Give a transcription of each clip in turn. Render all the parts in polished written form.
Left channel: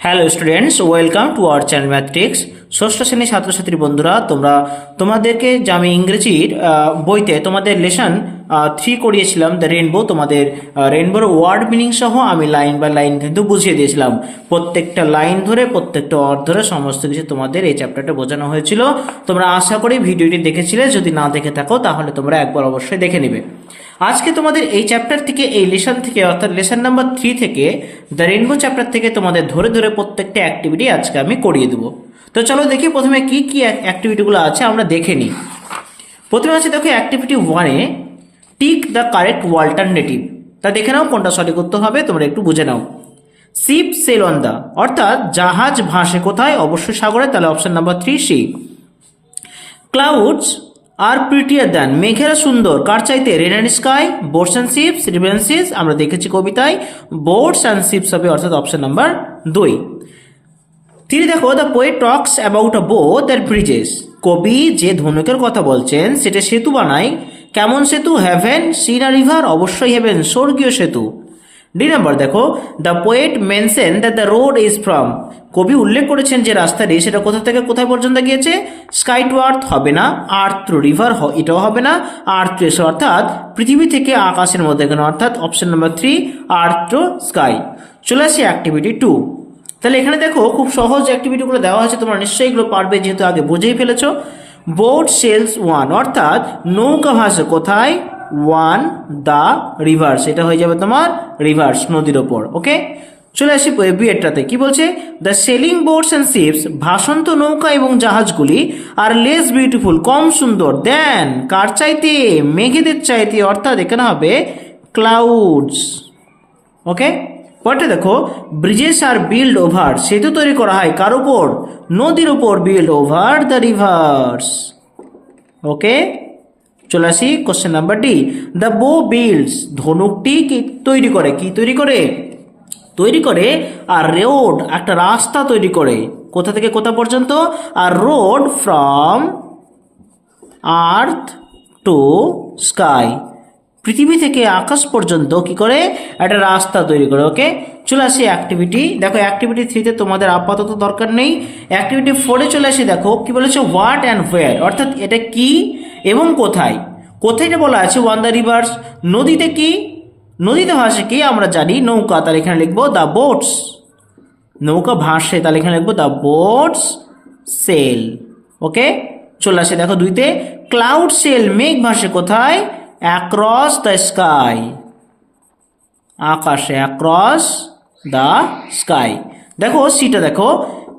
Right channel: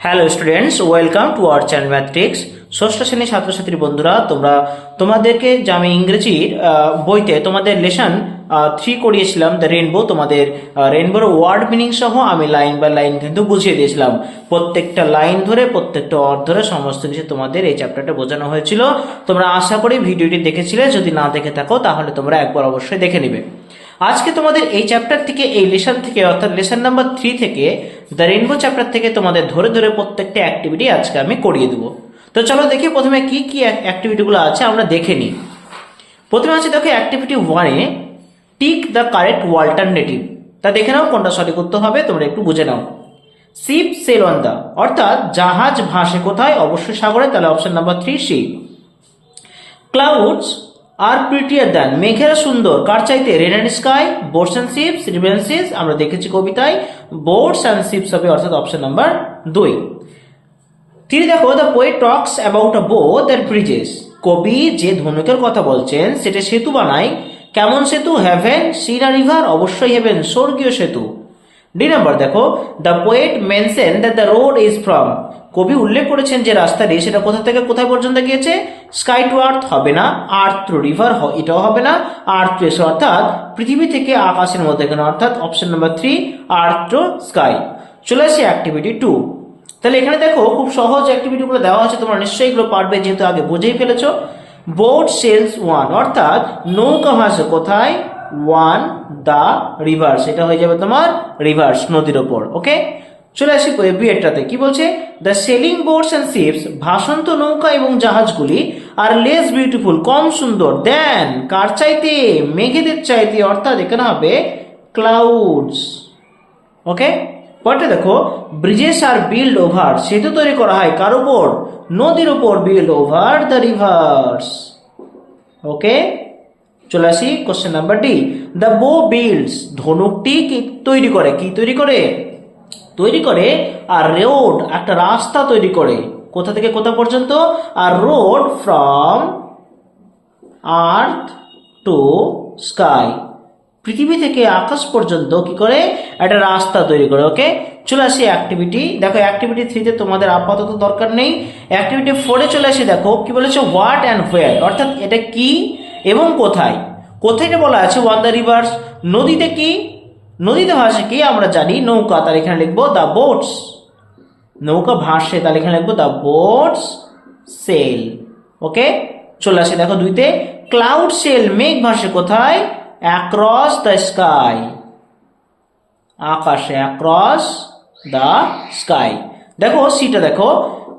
Hello students, welcome to our channel Mathrix. ষষ্ঠ শ্রেণীর ছাত্রছাত্রী বন্ধুরা, তোমাদেরকে যে আমি ইংরেজির বইতে তোমাদের লেসন 3 করিয়েছিলাম, দ্য রেইনবো। তোমাদের রেইনবোর ওয়ার্ড মিনিং সহ আমি লাইন বাই লাইন কিন্তু বুঝিয়ে দিয়েছিলাম। প্রত্যেকটা লাইন ধরে, প্রত্যেকটা ওয়ার্ড ধরে সমস্ত কিছু তোমাদের এই চ্যাপ্টারটা বোঝানো হয়েছিল। তোমরা আশা করি ভিডিওটি দেখেছিলে। যদি না দেখে থাকো তাহলে তোমরা একবার অবশ্যই দেখে নেবে। আজকে তোমাদের এই চ্যাপ্টার থেকে, এই লেসন থেকে, অর্থাৎ লেসন নাম্বার 3 থেকে, দ্য রেইনবো চ্যাপ্টার থেকে তোমাদের ধরে ধরে প্রত্যেকটা অ্যাক্টিভিটি আজকে আমি করিয়ে দেবো। তো চলো দেখি প্রথমে কি কি অ্যাক্টিভিটিগুলো আছে আমরা দেখে নিই। প্রথমে আছে দেখো অ্যাক্টিভিটি 1-এ টিক দ্য কারেক্ট অল্টারনেটিভ। তা দেখে নাও কোনটা সঠিক উত্তর হবে, তোমরা একটু বুঝে নাও। শিপ সেল অন দ্য, অর্থাৎ জাহাজ ভাসে কোথায়? অবশ্যই সাগরে, তাহলে option number 3 C. Clouds are prettier than, মেঘেরা সুন্দর কার চাইতে? Rain and sky, boats and ships, river and seas, আমরা দেখেছি কবিতায় বোটস অ্যান্ড শিপস হবে, অর্থাৎ অপশন নাম্বার 2। তিনি দেখো the poet talks about a boat that Bridges, কবি যে ধনুকের কথা বলছেন সেটা সেতু বানায়। কেমন সেতু? হেভেন, সি না রিভার? অবশ্যই হেভেন, স্বর্গীয় সেতু। ডি নাম্বার দেখো the poet mention that the road is from, কবি উল্লেখ করেছেন যে রাস্তাটি সেটা কোথা থেকে কোথায় পর্যন্ত গিয়েছে? স্কাই টু আর্থ হবে না, আর্থ টু রিভার এটাও হবে না, আর্থ টু এসে অর্থাৎ পৃথিবী থেকে আকাশের মধ্যে কেন, অর্থাৎ option number 3 earth to sky. চলে আসি অ্যাক্টিভিটি 2। তাহলে এখানে দেখো খুব সহজ অ্যাক্টিভিটিগুলো দেওয়া হয়েছে, তোমরা নিশ্চয়ই এগুলো পারবে যেহেতু আগে বুঝেই ফেলেছো। বোট সেলস ওয়ান, অর্থাৎ নৌকা ভাসে কোথায়? ওয়ান দ্য রিভার্স, এটা হয়ে যাবে তোমার রিভার্স, নদীর ওপর। ওকে, চলে আসি বিয়েটাতে কি বলছে? The sailing boats and ships, ভাসন্ত নৌকা এবং জাহাজগুলি, আর লেস বিউটিফুল, কম সুন্দর, দেন কার চাইতে? মেঘেদের চাইতে, অর্থাৎ এখানে হবে ক্লাউডস। ওকে, পরটা দেখো ব্রিজেস আর বিল্ড ওভার, সেতু তৈরি করা হয় কার উপর? নদীর উপর, বিল্ড ওভার দ্য রিভার্স। ওকে, চলে আসি কোশ্চেন নাম্বার ডি। দ্য বো বিল্ডস, ধনুকটি কি তৈরি করে? কি তৈরি করে? তৈরি করে আর রোড, একটা রাস্তা তৈরি করে। কোথা থেকে কোথা পর্যন্ত? আর road from earth to sky, পৃথিবী থেকে আকাশ পর্যন্ত কি করে? একটা রাস্তা তৈরি করে। ওকে, চলে আসি অ্যাক্টিভিটি। দেখো অ্যাক্টিভিটি 3-তে তোমাদের আপাতত দরকার নেই। অ্যাক্টিভিটি 4-এ চলে আসি। দেখো কি বলেছে? হোয়াট অ্যান্ড হোয়ার, অর্থাৎ এটা কি এবং কোথায়। কোথায় বলা আছে? On the rivers. নদীতে কি? নদীতে ভাসে কি? আমরা জানি নৌকা, তাহলে এখানে লিখবো দ্য বোটস। নৌকা ভাসে, তাহলে এখানে লিখবো দ্য বোটস সেল। ওকে, চলে আসে দেখো 2-তে ক্লাউড সেল, মেঘ ভাসে কোথায়? অ্যাক্রস দ্য স্কাই, আকাশে, অ্যাক্রস দ্য স্কাই। দেখো সিটা দেখো,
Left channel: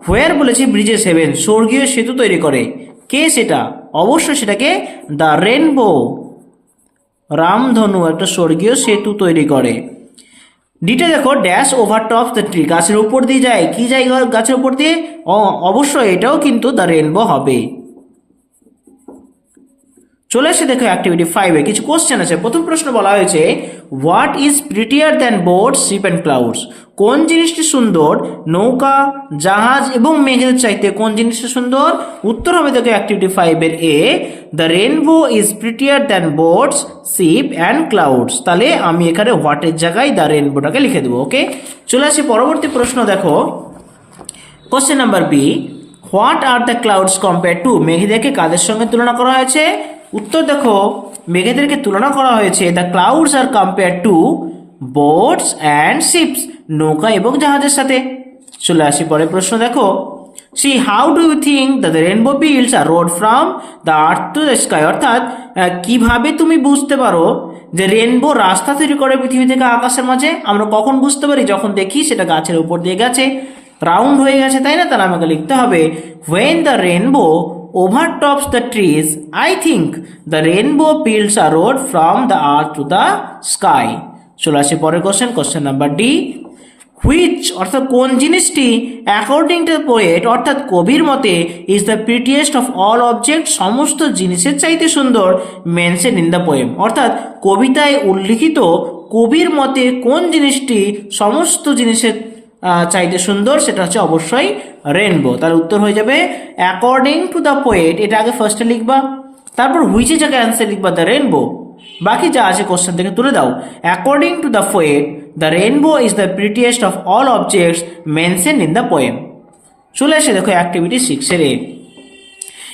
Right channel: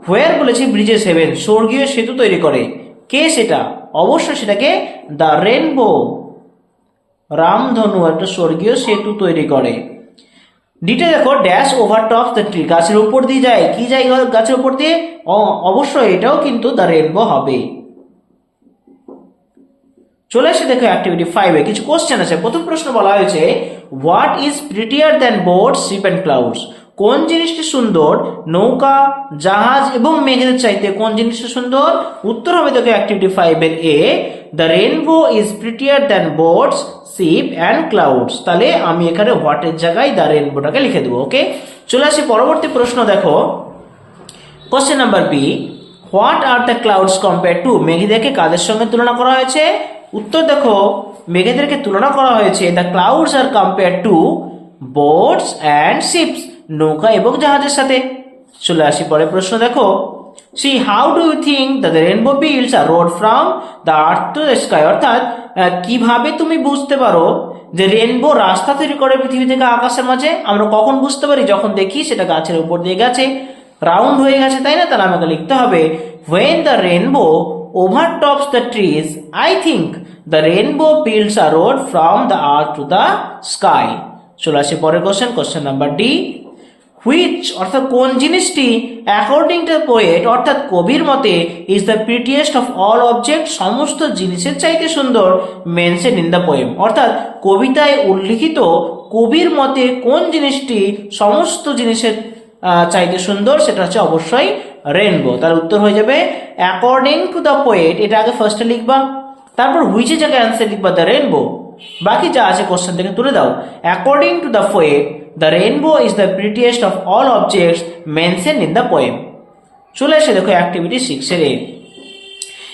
হোয়ার বলেছে ব্রিজেস হেভেন, স্বর্গীয় সেতু তৈরি করে। কে সেটা? অবশ্যই সেটাকে দ্য রেনবো, রামধনু একটা স্বর্গীয় সেতু তৈরি করে। ডিটে দেখো dash over top the tree, গাছের উপর দিয়ে যায়। কি যায় গাছের উপর দিয়ে? অবশ্যই এটাও কিন্তু দ্য রেনবো হবে। চলে এসে দেখো অ্যাক্টিভিটি 5-এ কিছু কোশ্চেন আছে। প্রথম প্রশ্ন বলা হয়েছে what is prettier than boat, ship and clouds, কোন জিনিসটি সুন্দর? নৌকা, জাহাজ এবং মেঘের চাইতে কোন জিনিসটা সুন্দর? উত্তর হবে দেখো অ্যাক্টিভিটি 5-এর A, the rainbow is prettier than boats, ship and clouds. তাহলে আমি এখানে হোয়াটের জায়গায় দ্য রেনবোটাকে লিখে দেবো। ওকে, চলে আসি পরবর্তী প্রশ্ন। দেখো question number B, what are the clouds compare to, মেঘেদেরকে কাদের সঙ্গে তুলনা করা হয়েছে? উত্তর দেখো মেঘেদেরকে তুলনা করা হয়েছে the clouds are compare to boats and ships, নৌকা এবং জাহাজের সাথে। চলে আসি পরের প্রশ্ন। দেখো see how do you think the rainbow builds a road from the earth to the sky, অর্থাৎ কিভাবে তুমি বুঝতে পারো যে রেনবো রাস্তা তৈরি করে পৃথিবী থেকে আকাশের মাঝে? আমরা কখন বুঝতে পারি? যখন দেখি সেটা গাছের উপর দিয়ে গেছে, রাউন্ড হয়ে গেছে, তাই না? তাহলে আমাকে লিখতে হবে when the rainbow overtops the trees, I think the rainbow builds a road from the earth to the sky. চলে আসি পরের question, question number D. Which, অর্থাৎ কোন জিনিসটি অ্যাকর্ডিং টু দ্য পোয়েট, অর্থাৎ কবির মতে, is the prettiest of all object, সমস্ত জিনিসের চাইতে সুন্দর, মেনশন ইন দ্য পোয়েম, অর্থাৎ কবিতায় উল্লিখিত কবির মতে কোন জিনিসটি সমস্ত জিনিসের চাইতে সুন্দর? সেটা হচ্ছে অবশ্যই রেনবো। তার উত্তর হয়ে যাবে অ্যাকর্ডিং টু দ্য পোয়েট, এটা আগে ফার্স্টে লিখবা, তারপর হুইচের জায়গায় অ্যান্সার লিখবা দ্য রেনবো। বাকি যা আছে কোশ্চেন থেকে তুলে দাও। According to the poet the rainbow is the prettiest of all objects mention in the poem. চলে আসে দেখো অ্যাক্টিভিটি 6 এর।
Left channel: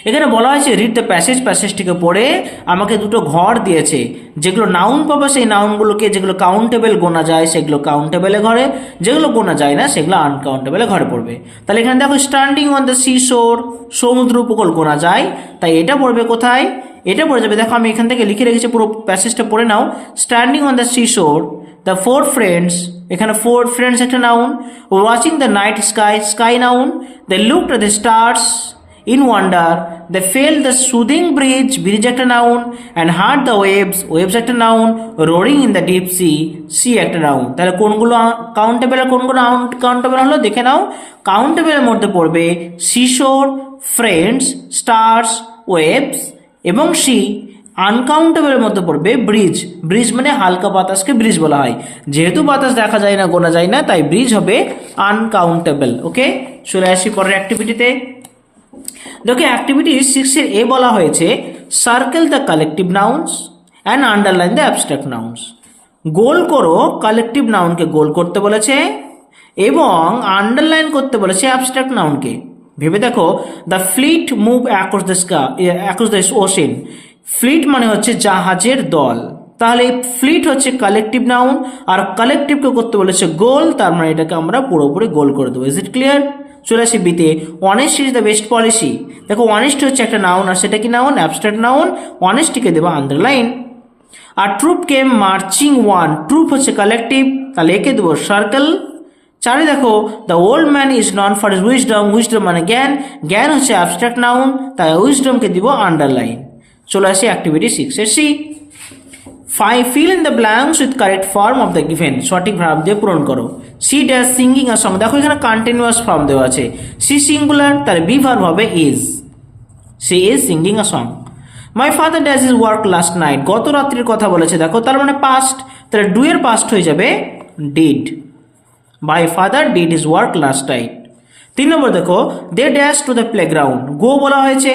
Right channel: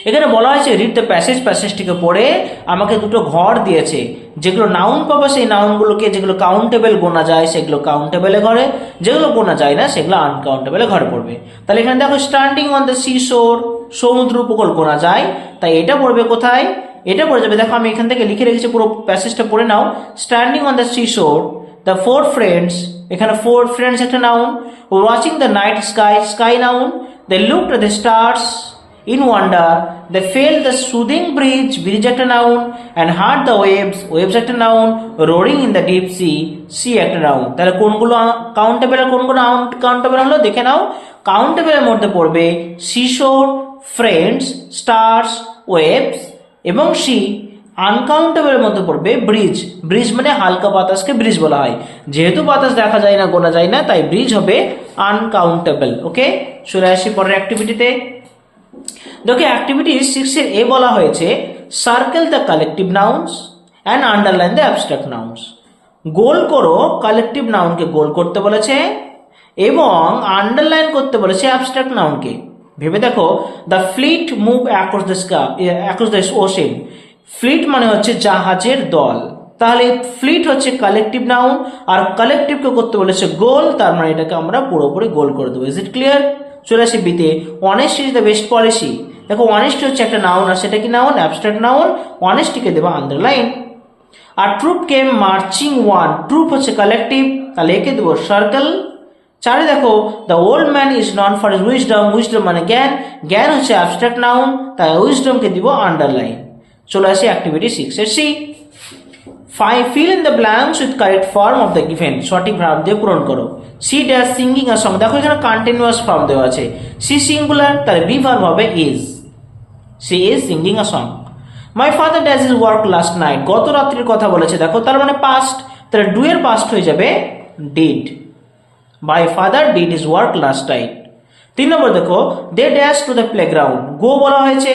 এখানে বলা হয়েছে রিড দ্য প্যাসেজটিকে পড়ে আমাকে দুটো ঘর দিয়েছে, যেগুলো নাউন পাবে সেই নাউনগুলোকে, যেগুলো কাউন্টেবল গোনা যায় সেগুলো কাউন্টেবলে ঘরে, যেগুলো গোনা যায় না সেগুলো আনকাউন্টেবলে ঘরে পড়বে। তাহলে এখানে দেখো স্ট্যান্ডিং অন দ্য সি শোর, সমুদ্র উপকূল গোনা যায়, তাই এটা পড়বে কোথায়? এটা পড়ে যাবে, দেখো আমি এখান থেকে লিখে রেখেছি, পুরো প্যাসেজটা পড়ে নাও। Standing on the sea shore, the four friends, এখানে ফোর ফ্রেন্ডস একটা noun, watching the night sky, sky noun, they looked at the stars in wonder, they felt the soothing breeze, breeze একটা noun, and heard the waves, waves একটা noun, roaring in the deep sea, sea একটা noun। তাহলে কোনগুলো countable আর কোনগুলো uncountable হলো দেখে নাও। কাউন্টেবলের মধ্যে পড়বে সিশোর, ফ্রেন্ডস, স্টার্স, ওয়েভস এবং সি। আনকাউন্টেবলের মধ্যে পড়বে ব্রিজ, ব্রিজ মানে হালকা বাতাসকে ব্রিজ বলা হয়, যেহেতু বাতাস দেখা যায় না, গোনা যায় না, তাই ব্রিজ হবে আনকাউন্টেবল। ওকে, চলে আসি পরের অ্যাক্টিভিটিতে। দেখো অ্যাক্টিভিটি 6 এর এ বলা হয়েছে circle the collective nouns and underline the abstract nouns. গোল করো, কালেকটিভ নাউনকে গোল করতে বলেছে এবং আন্ডারলাইন করতে বলেছে অ্যাবস্ট্রাক্ট নাউনকে। ভেবে দেখো, the fleet move across the sky, across the ocean. Fleet মানে হচ্ছে জাহাজের দল, তাহলে ফ্লিট হচ্ছে কালেকটিভ নাউন আর কালেকটিভকে করতে বলেছে গোল, তার মানে এটাকে আমরা পুরোপুরি গোল করে দেবো। Is it clear? চলে আসি বিতে, honest is the best policy. দেখো অনেস্ট হচ্ছে একটা নাউন, আর সেটা কি নাউন? Abstract noun. অনেস্টিকে দেবো আন্ডারলাইন। আর troop came marching one, troop হচ্ছে কালেকটিভ, তাহলে একে দেবো সার্কেল। 4 দেখো the old man is known for his wisdom, wisdom মানে জ্ঞান, জ্ঞান হচ্ছে অ্যাবস্ট্রাক্ট নাউন, তাই উইজডমকে দিব আন্ডারলাইন। চলে আসি অ্যাক্টিভিটি 6 এর C. Fill in the blanks with correct form of the given, সঠিক ভার্ব দিয়ে পূরণ করো। She dash singing a song, দেখো এখানে কন্টিনিউয়াস ফর্ম দেওয়া আছে, সি সিঙ্গুলার, তাহলে বি ভার্ব হবে is, she is singing a song. My father dash is work last night, গত রাত্রির কথা বলেছে, দেখো তার মানে পাস্ট, তাহলে ডু এর পাস্ট হয়ে যাবে did. My father did his work last night. 3 নম্বর দেখো they dash to the playground, go বলা হয়েছে,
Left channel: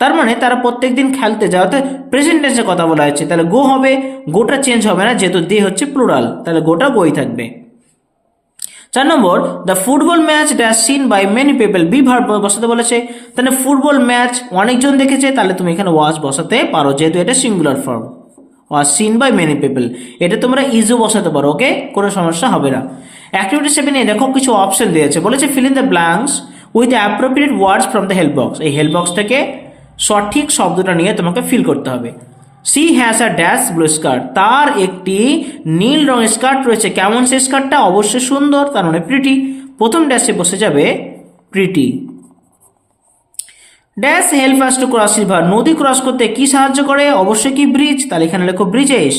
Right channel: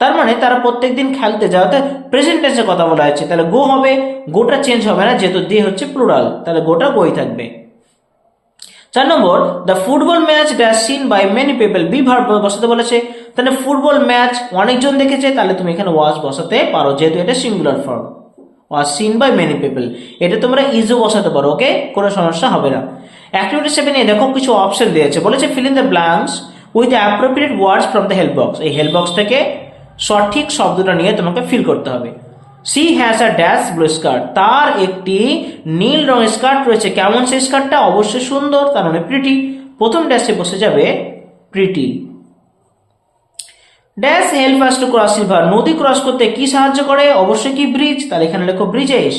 তার মানে তারা প্রত্যেকদিন খেলতে যাওয়া, প্রেজেন্ট টেন্সে কথা বলা হয়েছে, তাহলে গো হবে, গোটা চেঞ্জ হবে না যেহেতু দে হচ্ছে প্লুরাল, তাহলে গোটা গোই থাকবে। 4 নম্বর the football match dash seen by many people, be verb বসাতে বলেছে, তাহলে ফুটবল ম্যাচ অনেকজন দেখেছে, তাহলে তুমি এখানে ওয়াজ বসাতে পারো যেহেতু এটা singular form, was seen by many people. এটা তোমরা ইজও বসাতে পারো, ওকে, কোনো সমস্যা হবে না। অ্যাক্টিভিটি 7 এ দেখো কিছু অপশন দিয়েছে, বলেছে feel in the blanks with appropriate words from the help box. এই হেল্প বক্স থেকে সঠিক শব্দটা নিয়ে তোমাকে ফিল করতে হবে। She has a dash blue skirt, তার একটি নীল রঙের স্কার্ট রয়েছে, কেমন সেই স্কার্টটা? অবশ্যই সুন্দর, তার মানে প্রিটি, প্রথম ড্যাশে বসে যাবে pretty. Dash help us to cross river, নদী ক্রস করতে কি সাহায্য করে? অবশ্যই কি ব্রিজ, তাহলে এখানে লেখো bridges,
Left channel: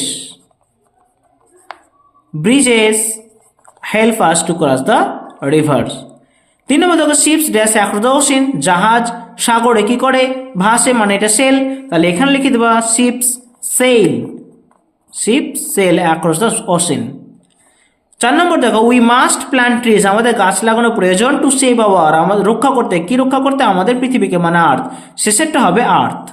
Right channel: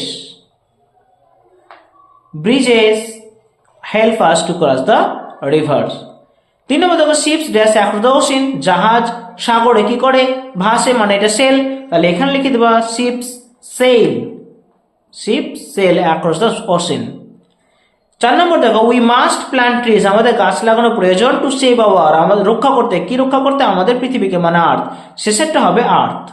bridges help us to cross the rivers. 3 নম্বর দেখো ships dash across the ocean, জাহাজ সাগরে কি করে? ভাসে, মানে এটা সেল, তাহলে এখানে লিখে দেবা ships sail, ships sail across the ocean. 4 number দেখো উই মাস্ট প্ল্যান্ট ট্রিজ, আমাদের গাছ লাগানো প্রয়োজন, টু সেভ আওয়ার, আমাদের রক্ষা করতে, কি রক্ষা করতে? আমাদের পৃথিবীকে, মানে আর্থ, শেষেরটা হবে earth.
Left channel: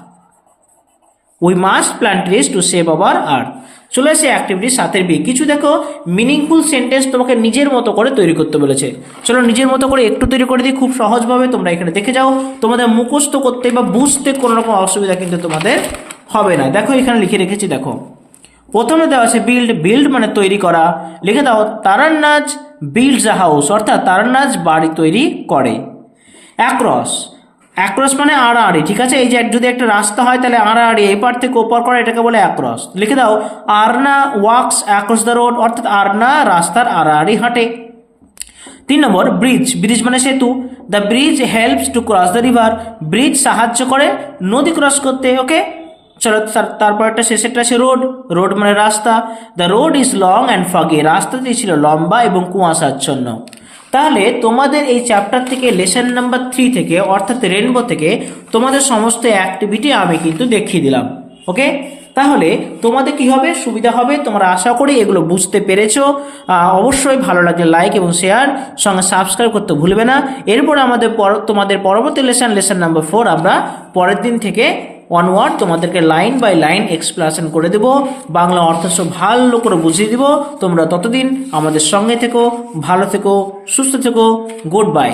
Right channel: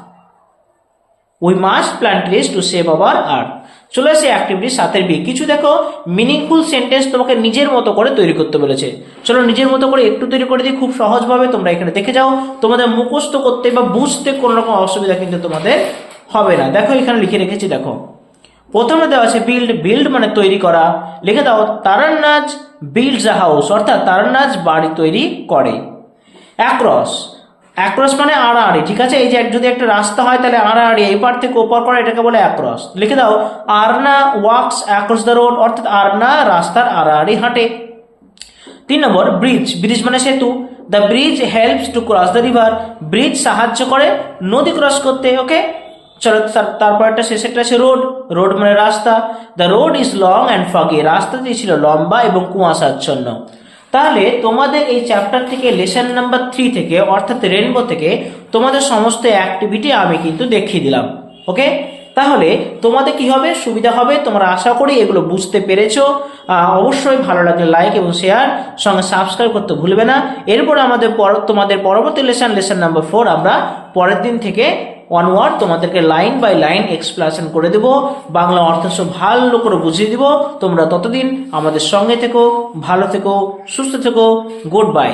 We must plant trees to save our earth. চলে আসে অ্যাক্টিভিটি 7 এর বি, কিছু দেখো মিনিংফুল সেন্টেন্স তোমাকে নিজের মতো করে তৈরি করতে বলেছে। চলো নিজের মতো করে একটু তৈরি করে দিই খুব সহজভাবে, তোমরা এখানে দেখে যাও, তোমাদের মুখস্থ করতে বা বুঝতে কোনো রকম অসুবিধা কিন্তু তোমাদের হবে না। দেখো এখানে লিখে রেখেছি, দেখো প্রথমে দেওয়া আছে বিল্ড, বিল্ড মানে তৈরি করা, লিখে দাও তারান্নাজ বিল্ডস আ হাউস, অর্থাৎ তারান্নাজ বাড়ি তৈরি করে। অ্যাক্রস, অ্যাক্রস মানে আড়াআড়ি, ঠিক আছে, এই যে যদি একটা রাস্তা হয় তাহলে আড়াআড়ি এই পার থেকে ওপার করা, এটাকে বলে অ্যাক্রস। লিখে দাও আরনা ওয়াকস অ্যাক্রস দ্য রোড, অর্থাৎ আরনা রাস্তার আড়াআড়ি হাঁটে। 3 নম্বর ব্রিজ, ব্রিজ মানে সেতু, the bridge helps to cross the river, bridge সাহায্য করে নদী ক্রস করতে। ওকে, চলো তারপর একটা শেষেরটা আছে রোড, রোড মানে রাস্তা, the road is long and foggy, রাস্তাটি ছিল লম্বা এবং কুয়াশাচ্ছন্ন। তাহলে তোমাদের এই চ্যাপ্টার থেকে লেসন নাম্বার 3 থেকে অর্থাৎ রেনবো থেকে তোমাদের সমস্ত অ্যাক্টিভিটি আমি কিন্তু দেখিয়ে দিলাম। ওকে, তাহলে তোমাদের কি হবে? সুবিধা হবে, তোমরা আশা করি এগুলো বুঝতে পেরেছো। অবশ্যই ভালো লাগলে লাইক এবং শেয়ার, সঙ্গে সাবস্ক্রাইব করতে ভুলবে না। এরপর আমাদের তোমাদের পরবর্তী লেসন নাম্বার 4 আমরা পরের দিন থেকে ওয়ান ওয়ার্ড তোমাদেরকে লাইন বাই লাইন এক্সপ্লেনেশন করে দেব, বাংলা অর্থ সব ভালো করে বুঝিয়ে দিব। তোমরা ততদিন আমাদের সঙ্গে থেকো, ভালো থেকো, সুস্থ থেকো। Good bye.